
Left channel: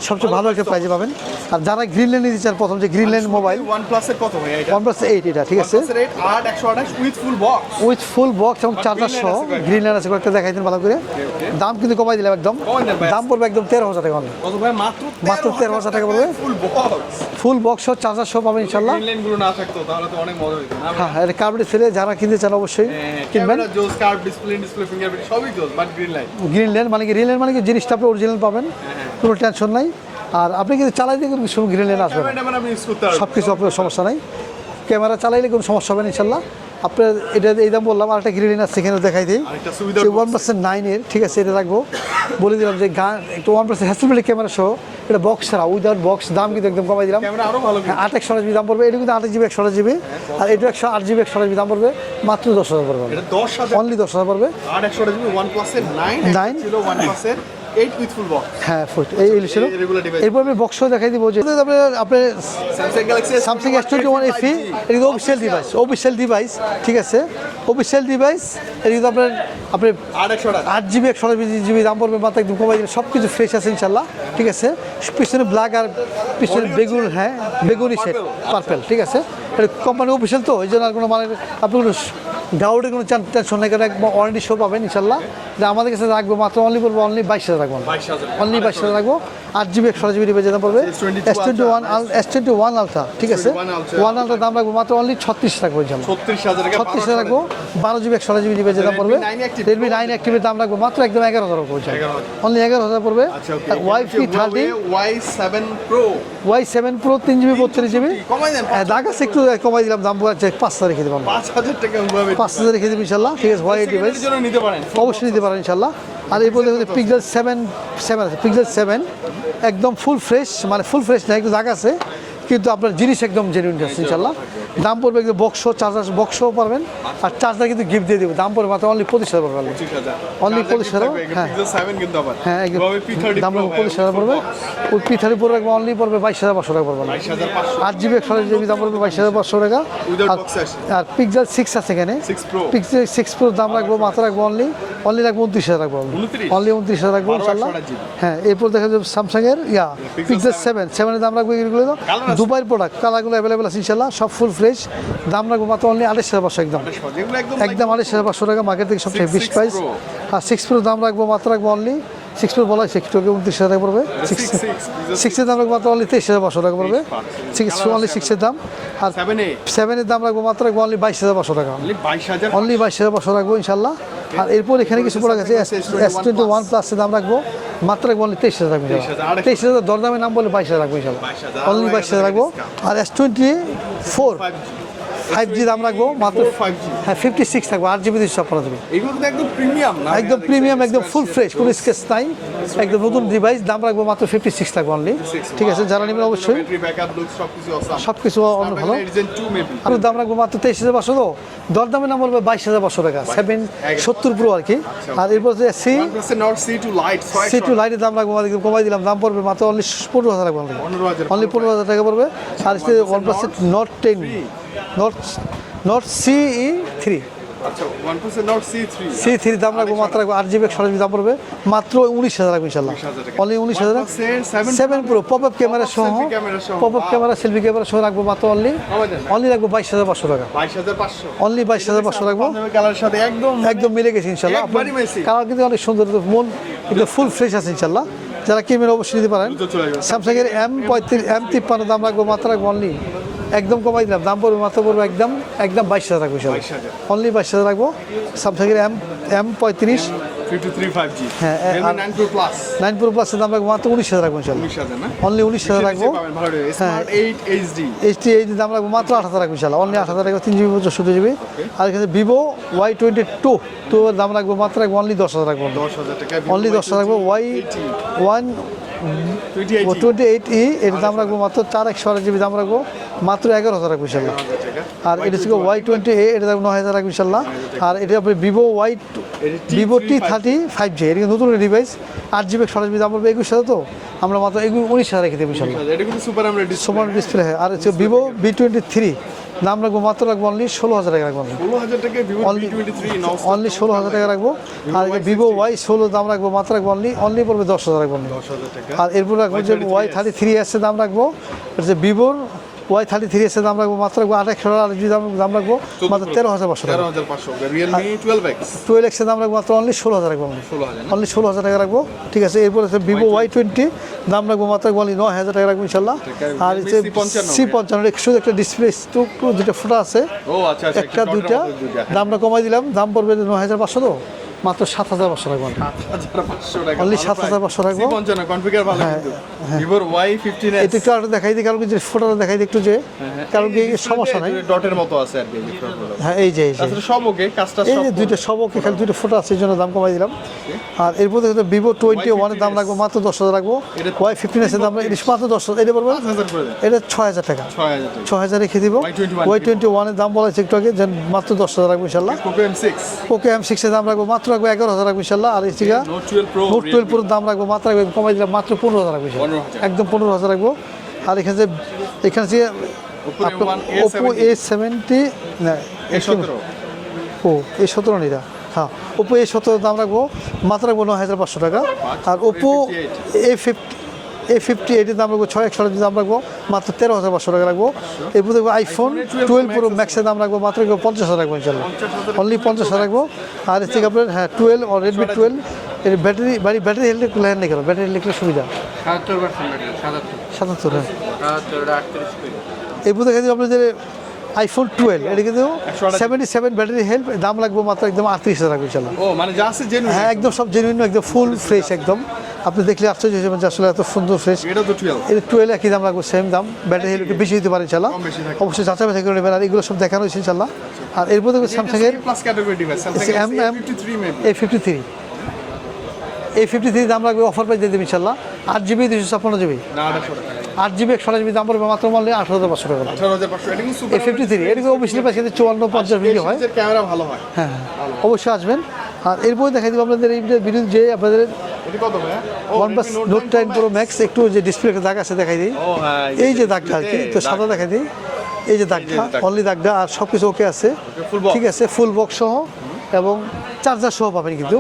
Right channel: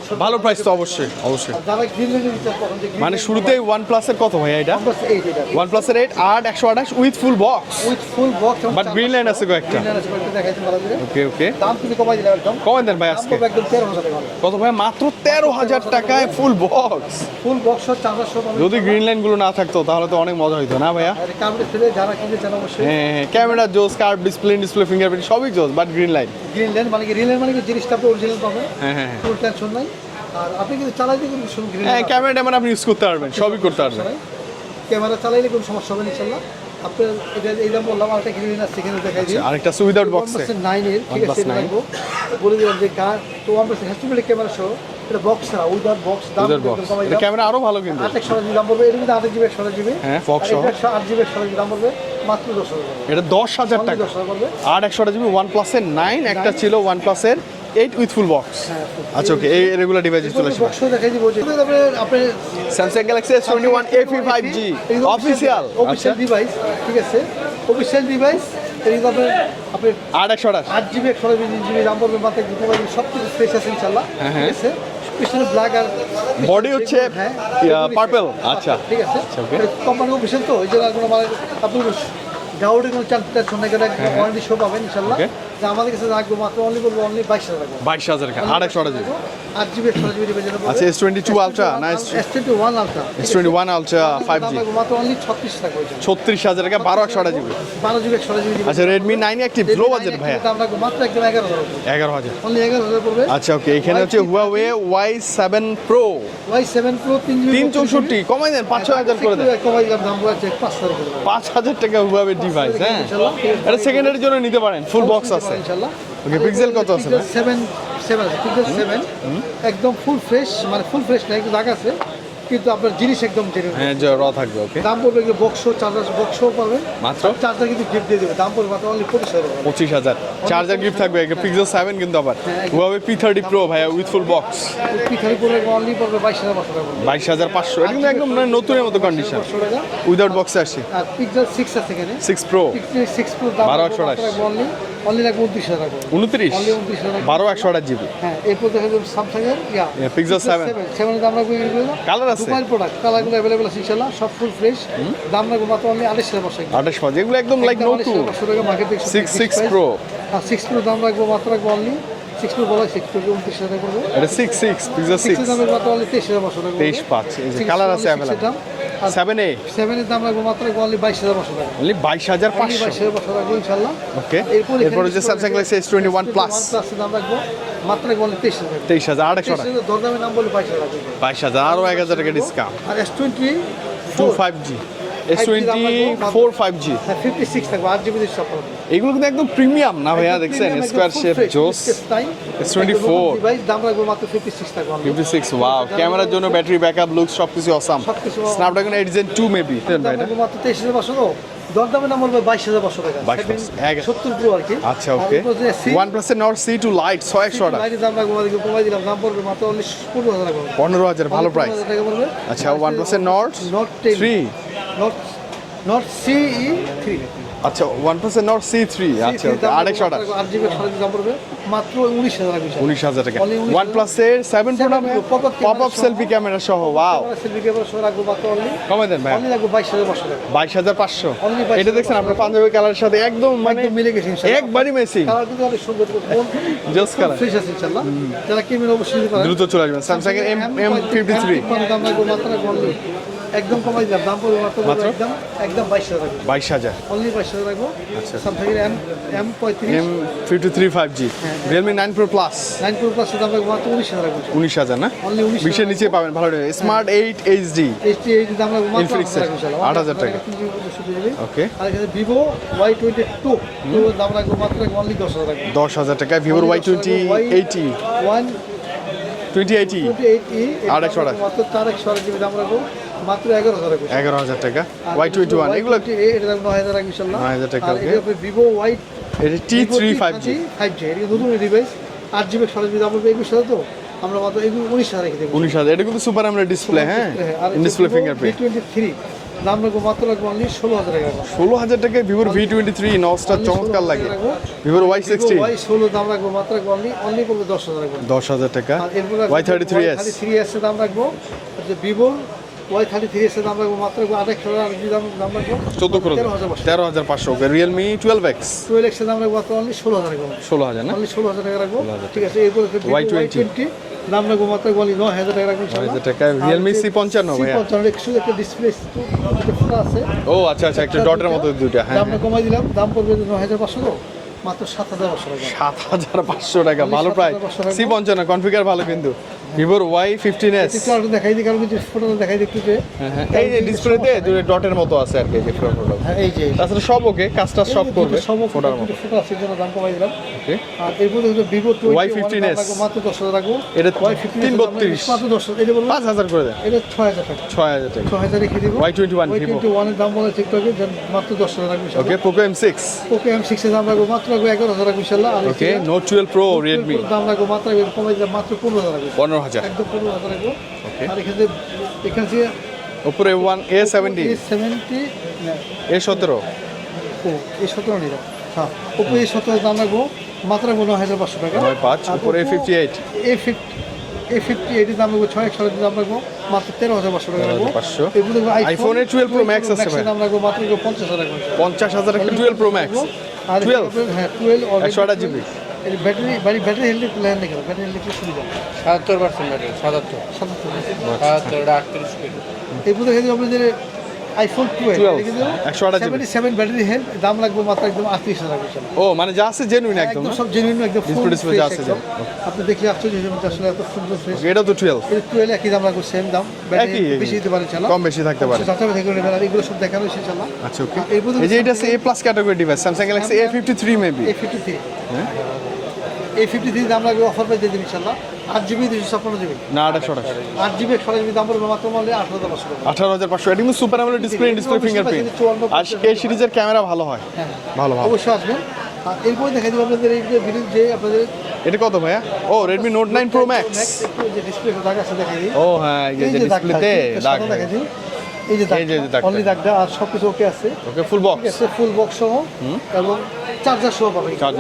সবচেয়ে ভালো একটা তো পাবেন। আর যারা গ্রিন লেন নিতে চান প্রথম যে গ্রিন লেন শুরুতে OnePlus এর কত ভাই এটা? OnePlus 8 এটা ঠিক আছে? OnePlus এর 8 8 128 with full box with full box এবং green lane সহ আছে গ্রিন লেন আছে কয়েকটা দেখাই দিন ভালো করে। ওকে ওকে দাম কিন্তু কমাই দিলাম একদম। কমাই দেন ভাই দাম। পড়বে একদম তেরো হাজার টাকা কত ভাই? মাত্র 13000 13,000 টাকা ফুল বক্স ফুল বক্স সহ চার্জার সহ পাবেন যদি গ্রিন লাইনগুলো না থাকতো তাহলে তো অনেক মজা হইতো না ভাই হ্যাঁ কার্বন ছেড়ে যারা কিনতে চান অবশ্যই হ্যাঁ ক্যামেরা জোস কার্ড ডিসপ্লে ডিসপ্লে ফিঙ্গারপ্রিন্ট সবই জোস but green light green lane মানে কি? রিয়েল মানে কি? জিনিসটা আপনি অরিজিনাল পাবেন হ্যাঁ, হ্যাঁ। কোনো টেনশন নাই। আর আপনি কিন্তু চালাই কিন্তু সব গ্রিন হ্যাঁ ক্যামেরা ট্যামেরা আপনি ইউজ করতে পারবেন সব কিছু সমস্যা নাই। ক্যামেরা চালাইলে কোনো সমস্যা হবে না ইনশাল্লাহ। আপনার এটা দাম বললাম আর একটা গ্রিন আছে সেখানে দেখাই দিই। আরেকটা আছে without box ওয়ান। পার্সেন্ট নাইনের ঠিক আছে এটা রাখব বলে দিলাম যে গান একটা ওয়ান পার্সেন্ট হ্যাসেল ক্যামেরা সহ এটা বক্স ছাড়া উইদাউট বক্স দাম কিন্তু একদম কমাই দিলাম। ক্যামেরা আরও ভালো হ্যাঁ, আট একশো জিবি দাম পড়বে এটা কিন্তু আট জিবি একশো জিবি। হ্যাঁ, আর এটা একশো আট জিবি একশো জিবি দাম পড়বে মাত্র দশ হাজার পড়বে। এটা 10000 অনলি টাকা। দশ হাজার পড়বে। আর 100 জিবি OnePlus এর 9 একটা। ছিল OnePlus এর 8 উইথ ফুল বক্স হ্যাঁ ফুট আচ্ছা, okay, এই regular device এরপর বক্স দেখাই দিব যে আপনি আপনি Samsung Galaxy Samsung S21 S21 FE FE 5G এটা অফিসিয়াল ডিভাইস অফিসিয়াল ডিভাইস ঠিক আছে? অফিসিয়াল ডিভাইস আপনার আপনি 100 টাকা আট জিবি একশো জিবি দাম পড়বে একদম কমাই সব কিছু ফ্রেশ আছে ইনশাল্লাহ ঠিক আছে? পিছনে ব্ল্যাক আর পিছনে বেগুন হ্যাঁ বেগুনি আচ্ছা। পার্পল ঠিক আছে? এটা কোম্পানি অফিসিয়াল তো এই জন্য কোনো মানে আপনার ডাউটের কোনো টেনশন নাই কারণ একদম ওয়ারেন্টি শো পাবেন ইনশাল্লাহ. আমাদের কাছে রাখব মাত্র অনলি করব অনলি বাইশ হাজার রাখব 22000 টাকা অনলি বাইশ হাজার রাখব আট জিবি একশো জিবি যেটা পড়বে। আচ্ছা, S22 Ultra, S twenty one ultra ঠিক আছে? ওয়ান আলট্রা দাম রাখব মাত্র অনলি ছত্রিশ রাখব ইনশাল্লাহ 36000 টাকা 1200 টাকা বারো জিবি একশো জিবি আচ্ছা, Redmi 9 Active, রেডমি নাইন অ্যাক্টিভের দাম রাখব মাত্র একদম এগারো হাজার পড়বে। 11000 অনলি এগারো হাজার পড়বে। আচ্ছা ওকে এখানে হচ্ছে Huawei Y7 Pro Y seven pro তিন জিবি বত্রিশ জিবি 364 কমাই দেন 5000 একটু কমাই দিলাম দাম বলছে পাঁচ হাজার রেখে দেবো 5000 টাকা Huawei পাঁচ ইনশাল্লাহ ঠিক আছে সেকেন্ডের জন্য নিতে পারেন ফুল বক্স অবশ্যই পারেন ইনশাল্লাহ আর Pixel seven seven Pixel seven একদম ফুল ফ্রেশ মানে ফুল ফ্রেশ না একটু দাগ আছে কিন্তু আপনার জিনিস একদম জেনুইন হ্যাঁ, জড়ো দাম পড়বে কিন্তু বক্স চার্জার বক্সও পারবেন। মাত্র? আর চার্জার কিন্তু গিফট দিয়ে দেবে দাম পড়বে মাত্র অনলি পঁচিশ হাজার 25000 Only চার্জার গিফট থাকবে হ্যাঁ। পিক্সেল 7 কিন্তু আবার। হ্যাঁ একদম। Huawei P30 Pro ভাই ফুল পড়বে। বক্স ওই পিঠারি পড়বে অনলি পড়বে বাইশ হাজার পাঁচশো টাকা পড়বে। 22500 আট কিন্তু জিবি একদম মানে মতো বাইশ হাজার কন্ডিশন পাঁচশো টাকা। উইদাউট বক্সে আসি। আর পিক্সেল সিক্স আছে এখানে। 6 Pro পিক্সেল সিক্স প্রো দাম রাখব মাত্র। রাখব অনলি অনলি রাখব উনত্রিশ হাজার রাখব। 29? অনলি উনত্রিশ হাজার রাখব বারো একশো ইনশাল্লাহ। আঠাশ হ্যাঁ এরপর দেখা যাবে স্যামসাং এর ইয়া পিক্সেল 7 সেভেন সেভেনের দাম রাখব এগুলো। Colour দুবাইয়ের প্রোডাক্ট কালারগুলো অ্যাভেলেবেল আছে ইনশাল্লাহ সব ফুল ফ্রেশ দাম রাখব মাত্র অনলি আড়াইশ হাজার পাঁচশো একদম। 28 পাঁচ এগুলো একদম একদম আড়াইশ হাজার পাঁচশো টাকা মার্কেট থেকে সব 6 বেশি 6 প্রাইস আর সিক্স প্রো দাম রাখব মাত্র রাখব অনলি সিক্স প্রো বলা সিক্স প্রো উনত্রিশ হাজার টাকা পড়বে। এটা 6 6 পিক্সেল সিক্সের 6 দাম রাখব মাত্র অনলি তেইশ হাজার পাঁচশো টাকা পড়বে। সিক্স অনলি সিক্সের দাম। 7 এ সেভেনের দাম রাখব মাত্র অনলি বাইশ হাজার পাঁচশো টাকা। অনলি 22500 অনলি বাইশ হাজার পাঁচশো লাগবে ইনশাল্লাহ আর এরপর এখানে কিছু হচ্ছে Samsung Galaxy S21 Plus। One প্লাসের দাম রাখব মাত্র অনলি তেইশ হাজার লাগবে তেইশ হাজার তেইশ হাজার দরদামের নাম বলে বাইশ হাজার লাগবে ইনশাল্লাহ 22000 আরও অনলি 1000 বাইশ হাজার আর S twenty 2 four 5G 5G দাম রাখব মাত্র 4 5G হ্যাঁ ফিফটি সিক্স থাকব আট জিবি সব করা দেবে এগুলো কিন্তু একদম প্রিমিয়াম না একদম প্রিমিয়াম একদম ফুল ফ্রেশ কোনো স্কেচ নাই একদম নতুন ডিভাইস দাম রাখব মাত্র ফিফটি সিক্স থাকব অনলি ঠিক আছে যারা ক্যামেরার জন্য ব্যাটারি ব্যাকআপ লুক সবকিছু অসাম সবকিছু স্ন্যাপড্রাগন ভালো। 8 Gen 2 মেবি আমি দাম রাখব মাত্র তেইশ হাজার পাঁচশো তো দরদামের নাম বলবে বাইশ হাজার পাঁচশো টাকা সেভেন সত্তর প্রো আর কি। আর এরপর সি এর Nord C2 Lite C two 600 লাইনের দাম আমাদেরকে কমাই দিলাম দাম পড়বে মাত্র অনলি পনেরো হাজার 15000 ভালো পনেরো হাজার টাকা পড়বে আচ্ছা, OnePlus Nord ten 3 Nord Nord C three আচ্ছা OnePlus এর Nord C3 সি থ্রি দাম রাখব আচ্ছা মাত্র রাখব জিবি দাম পড়বে। মাত্র উনিশ হাজার রাখব 19000 টাকা। অনলি উনিশ হাজার। OnePlus এর 7 সেভেন প্রো ক্যামেরা সহ সেলফি ক্যামেরা সহ পপ ক্যামেরা সেলফি ক্যামেরা সহ রাখব মাত্র অনলি অনলি রাখব টাকা। 22500 Only 22,500 এটা দেখছেন রাখব। পাঞ্জাবি কালারের সাথে একদম মানে একদম মিলে গেছে ইনশাল্লাহ একবারই মেসি। কালার কিন্তু অনেক সুন্দর মন Just ফুল ফ্রেশ আছে ইনশাল্লাহ যারা ক্যামেরা অবশ্যই নিতে পারেন। দ্রুত চলে আসবেন Samsung এর পঁয়ত্রিশ এম M53 তিপ্পান্ন দাম রাখব মাত্র অনলি একদম কমাই দিলাম। দাম পড়বে মাত্র পড়বে একদম একদম বাইশ হাজার রাখব বাইশ হাজার। অনলি বাইশ হাজার রাখব। সামথিংয়ের এম এম পঁয়ত্রিশ। Three two three five G হ্যাঁ, Realme nine pro plus nine pro plus দাম রাখব মাত্র উনিশ হাজার রাখব উনিশ হাজার না? অনলি উনিশ হাজার রাখব। পাবেন ভালো স্মার্ট এইট এইচডি এইচটি এই দাম রাখব মাত্র আট হাজার রাখব ইনশাল্লাহ অনলি আট হাজার টাকা তিন জিবি চৌষট্টি জিবি। Okay. আর এখানে Vivo Y twenty two two দাম রাখব মাত্র রাখব অনলি দশ হাজার রাখব। দশ হাজার টাকা ভিভো ওয়াই টোয়েন্টি রাখব Y eighty one twenty eighty twenty eight E এর দাম রাখব মাত্র চার একশো আট জিবি দাম রাখব। মাত্র এগারো হাজার রাখব এগারো হাজার টাকা। আর এটা ছিল ওয়াই টোয়েন্টি এটা দাম নয় হাজার রাখব ইনশাল্লাহ। আর এটা আপনার Vivo Y Vivo T thirty five G এটা নতুন ডিভাইস আট জিবি সরাস দাম পড়বে একুশ হাজার তো। আমরা মাত্র এগুলো উনিশ হাজার রেখে দেবো উনিশ হাজার এটা কিন্তু সুপার আমরা ডিসপ্লে ডিসপ্লে আর ভিভো ভি টোয়েন্টি থ্রি দাম রাখব মাত্র রাখব অনলি ষোলো হাজার টাকা রাখব ষোলো হাজার টাকা ভিভো ভি টোয়েন্টি থ্রি নস্টার ষোলো হাজার টাকা রাখব। ভিভো ওয়াই ভিভো ওয়াই ষোলো দাম রাখব মাত্র রাখব অনলি অনলি পড়বে দশ হাজার রাখব দশ হাজার টাকা। আর এরপর রাখব থার্টি থ্রি এসে দাম রাখব যে ভিভোর ওয়াই থার্টি থ্রি এসে দাম রাখব মাত্র রাখব আঠাশশো দাম দাম রাখব তেরো হাজার পাঁচশো তেরো হাজার পাঁচশো okay. Realme twelve X twelve এক্সের দাম রাখব মাত্র অনলি ষোলো হাজার রাখব ষোলো হাজার অনলি ষোলো হাজার টাকা রাখব। ঠিক আছে এরপর হচ্ছে ভিভো ওয়াই টোয়েন্টি দাম রাখব মাত্র বলি নয় হাজার টাকা রাখব ইনশাল্লাহ 9,000 টাকা। Realme C55 সি পঞ্চান্ন শুধু একটা ডিসপ্লে যেটা ফুটা আছে। ও আচ্ছা আচ্ছা হ্যাঁ। দামটা কমাই দিলাম দাম পড়বে নয় হাজার পাঁচশো তো। মাত্র সাত হাজার পাঁচশো টাকা। সাত হাজার পাঁচশো টাকা Only ভালো 7,500 টাকা। পঞ্চান্ন কনফিগার ভালো কিন্তু। ভিভোর ওয়াই ফিফটিন এস একটু আরেকটু দেখাই দিই কারণ যে ফটোটা দেখাই দিই একটু যে কারণ সমস্যা নাই। ডটের মতো আছে আর কি হ্যাঁ এই যে। আসলে সব ওকে কাজটা সব করবে। সম্মুখে এখানে দুটো ফটো আছে এই জন্য দাম কমাই দিলাম। আর এরপর দেখো ভিভো টোয়েন্টি ওয়ানের দাম রাখব মাত্র দশ হাজার রাখব। এটা ওয়াই ফিফটিন এসের দাম 332 মাত্র দশ হাজার। এটা বলব পাঁচ হাজার করে এটা ছয় হাজার টাকা। ছয় হাজার টাকা। ছয় হাজার রেখে দিব। Y21 ওয়াই টোয়েন্টি ওয়ানের দাম বলা হচ্ছে একটু আগে মাত্র দশ হাজার রাখব okay Poco M six okay M সিক্সের দাম রাখব মাত্র রাখব এগারো হাজার রাখব ইনশাল্লাহ আর note twelve pro note twelve প্রোর দাম রাখব মাত্র রাখব কমাই দিলাম মাত্র পনেরো হাজার রাখব। পনেরো হাজার। একদম পনেরো হাজার রাখব। আর এখানে যে এখানে যে Oppo A one A seventy A seventy না এ সতেরো। ও এই সতেরো নিরা হ্যাঁ ওপো এ সতেরো দাম রাখব মাত্র রাখব নয় হাজার পাঁচশো টাকা। আর ওপো এ ফিফটি এই ফিফটি এইটির দাম রাখব ছয় একশো দাম রাখব মাত্র তেরো হাজার পাঁচশো টাকা রাখব। 500 এরপর দেখব আইফোন iPhone এর 12 Pro টুয়েলভ Max প্রো আছে ম্যাক্সের দাম রাখব মাত্র পঞ্চাশ হাজার রাখব। পঞ্চাশ হাজার পঞ্চাশ রাখব। আর হচ্ছে আপনার হ্যাঁ টুয়েলভ অলরেডি 128 টুয়েলভ এর ব্যাটারি বাড়ি ব্যাটারি হেলতে একটু ল্যান্ড কেন? ব্যাটারি লিখলে সুবিধা। সাতাত্তর পার্সেন্ট ব্যাটারি সাতাত্তর। সাতাত্তর হ্যাঁ। যাবে আপনাদের আইফোন টুয়েলভ এটা কিন্তু 128 সেভেন্টি সেভেন ব্যাটারি হেলথ দাম লাগবে মাত্র একদম আটত্রিশ হাজার রাখব ইনশাল্লাহ ও মানে যা আছে জেনুইন হ্যাঁ একদম সব জেনুইন একদম ফুল ফ্রেশ একদম। আপনি দেখলে আশ্চর্য যে আসলে এত সুন্দর ফ্রেশ এটা তো টুয়েলভ এই টুয়েলভ একই দাম রাখব সেম দাম ব্যাটারি বেশি দিতে পারেন ইনশাল্লাহ কম বেশি থাকতে পারে। করে বেলার এগুলো সব দেখা রয়েছে ইনশাল্লাহ আচ্ছা আর এরপর এটা A plus category device Samsung Galaxy A fifty three maybe A fifty three এই ফিফটি থ্রি দাম রাখবে অফার প্রাইস দিয়ে ইনশাল্লাহ আট জিবি দুশো ছাপ্পান্ন জিবি না আঠাশো। টাকা আট জিবি একশো জিবি দাম পড়বে মাত্র বললে আট হাজার পাঁচশো টাকা। আঠারো হাজার পাঁচশো। এটা কিন্তু সুপার A53 ডিসপ্লে এর ডিসপ্লে বেশি ফিঙ্গারপ্রিন্ট বেশি 54 পঞ্চাশ এই video হয়। সিরিজের ক্যামেরা ভালো হয়। হ্যাঁ ভালো ভালো অবশ্যই আসবেন। আর এরপরে দেখা যাবে আপনাদের এই যে ভিডিও যে আপনাদের এটা কত ভাইয়া? ও Redmi note nine pro max একটু যে ডিসপ্লেতে দাগ আছে দেখাই দিই। ও হ্যাঁ এই যে দাগটা সাদা দেখাই দিই। এই যে দাগটা। অনলি দাগটা আর সব কিছু ওকে আছে ঠিক আছে ফুল বক্স সহ এবং চার্জার সহ পাবেন কিন্তু।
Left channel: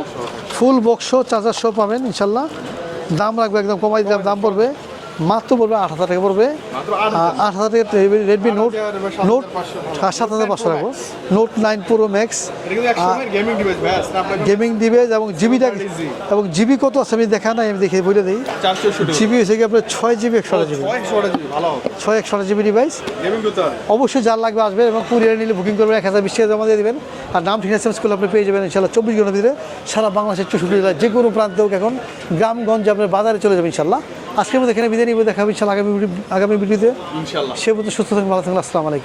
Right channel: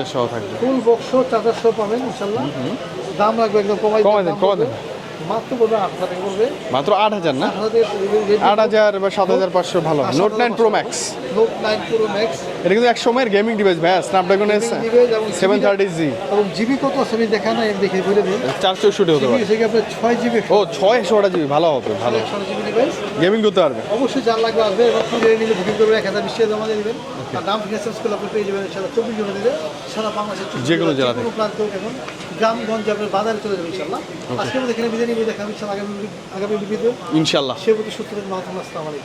ফুল বক্স সহ চার্জার সহ পাবেন ইনশাল্লাহ দাম রাখবে একদম কমাই দাম পাবে পড়বে মাত্র পড়বে আট হাজার টাকা পড়বে। মাত্র আট হাজার আট হাজার হাজার সাত হাজার পাঁচশো ভালো। Note nine pro max note nine pro max এটা কিন্তু এক সময়ের গেমিং ডিভাইস ভাইয়া স্ন্যাপড্রাগন গেমিং দিবে এবং জিবি 730Z এবং জিবি কত আছে আমি দেখা নাই দেখে বলে দিই। চারশো জিবি হচ্ছে কি আপনার ছয় জিবি ছয় একশো জিবি ভালো হবে। ছয় একশো জিবি ডিভাইস গেমিং করতে হবে। অবশ্যই যার লাগবে আসবে এবং কুরিয়ার নিলে বুকিং করবেন এক হাজার বিশ টাকা জমা দিয়ে দেবেন। আর নাম আছে স্কুল আপনি পেয়ে যাবেন ইনশাল্লাহ চব্বিশ ঘণ্টা ভিতরে সারা বাংলাদেশের চৌষট্টি যে কোনো জেলা যে কোনো প্রান্তে হোক এখন গ্রামগঞ্জ আপনার বাজারে চলে যাবে ইনশাল্লাহ। আজকের মধ্যে এখানে বিদায় নিবে দেখা হবে ইনশাল্লাহ আগামী আগামী ভিডিওতে ইনশাল্লাহ। সে মধ্যে সুস্থ থাকবে ভালো থাকবেন আসসালামু আলাইকুম।